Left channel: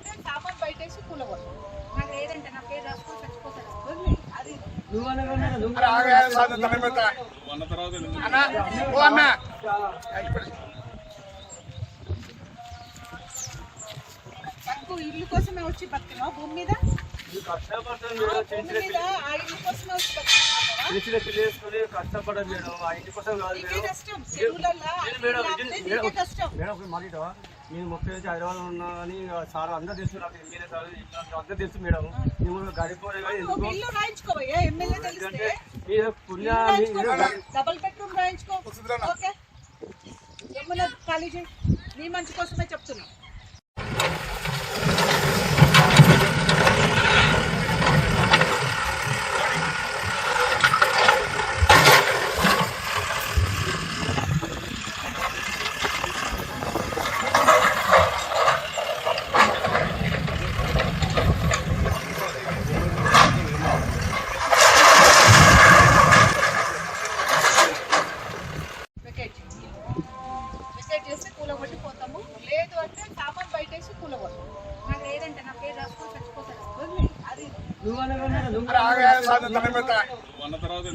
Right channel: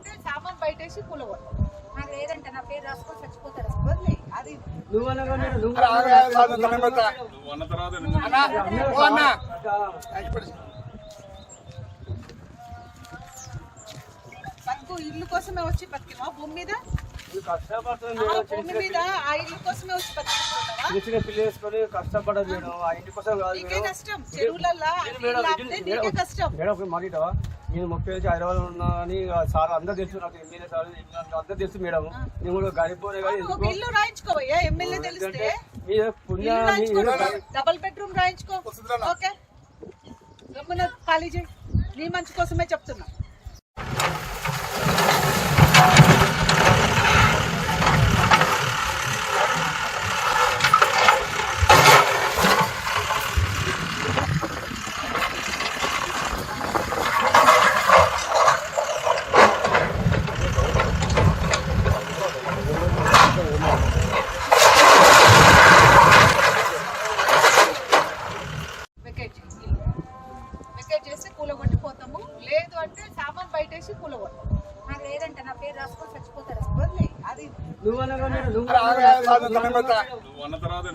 లేదు అంటే సామాన్ బయటేసి కూలగొడతాము మాకు లేదంటే నా పేరు రాసుకొని చచ్చిపోతాడు ఉంది అది. అన్న తర్వాత బతుకు ఇల్లు కోసమే వచ్చి బతికినావా? భూమి మీద? భూమి మీద ఆ ఇల్లు కోసమే వచ్చి కష్టపడదు నీకే కష్టం. చెరువులల్లో నీకే కష్టం. నేను ముప్పై నుంచి హైదరాబాద్ ఉన్నా అని సార్ అందరూ తెలుసు నాకు ఎమ్మెల్యే సార్ అందరూ తెలుసు మేడం. నేను కూడా ఇల్లు రాయించుకోవయ్యా ఎమ్మెల్యే తెలిస్తే? డబల్ బెడ్రూమ్ రాయించుకో. ఓకే. ఖాళీ చేయి. నీ మంచి కోసమే చెప్తున్నా వెకేట్ చేయి ఇల్లు. వెకేట్ చేస్తే కూలగొట్టి పోతాము లేదు అంటే సామాన్ బయటేసి కూలగొడతాము మాకు లేదంటే నా పేరు రాసుకొని చచ్చిపోతాడు? ఉంది అది. నువ్వు అన్న కూడా మేడం, నువ్వు అన్న తర్వాత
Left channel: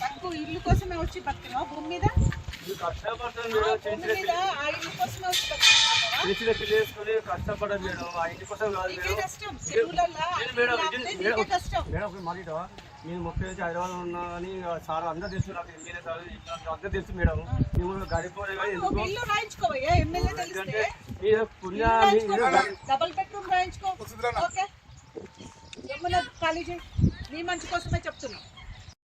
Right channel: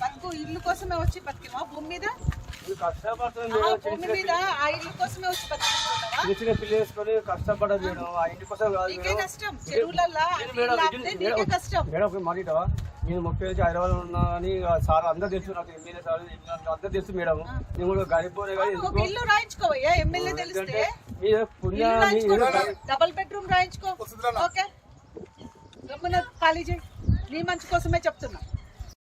బతుకు ఇల్లు కోసమే వచ్చి బతికినావా భూమి మీద? భూమి మీద ఆ ఇల్లు కోసమే వచ్చి కాదు నీకే కష్టం. ఆపితే నీకే కష్టం. నేను ముప్పై నుంచి హైదరాబాద్ ఉన్నా అని సార్ అందరూ తెలుసు నాకు ఎమ్మెల్యే సార్ అందరూ తెలుసు మేడం. నేను కూడా డబల్ బెడ్రూమ్ రాయించుకో. ఓకే. ఖాళీ చేయి. నీ మంచి కోసమే చెప్తున్నా.